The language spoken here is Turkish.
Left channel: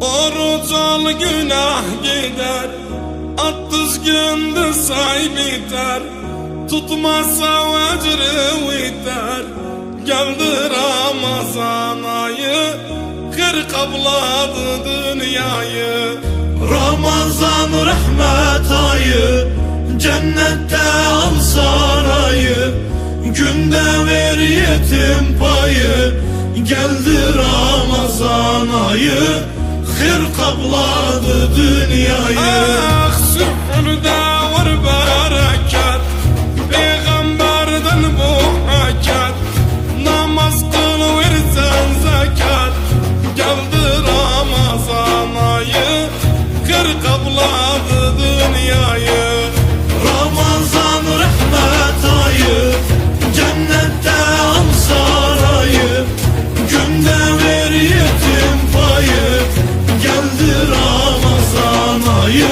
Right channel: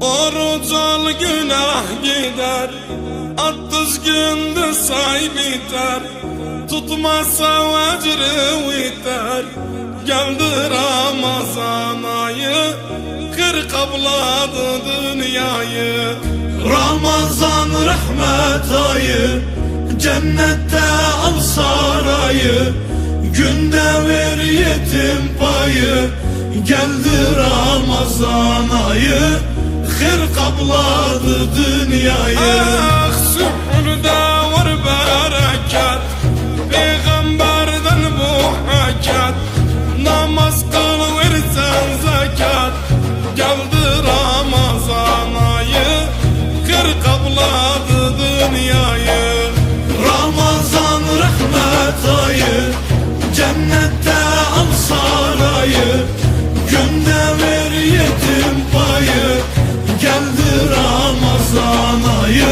Oruç al günah gider Attız gündüz say biter. Tutmazsa vecri biter. Geldi Ramazan ayı Kır kabladı dünyayı. Ramazan rahmet ayı Cennette al sarayı. Günde ver yetim payı Geldi Ramazan ayı Hır kapladı dünyayı. Ah sühürde var bereket Peygamberden bu hakat. Namaz kıl versen zekat Geldi Ramazan ayı Kır kabladı dünyayı payı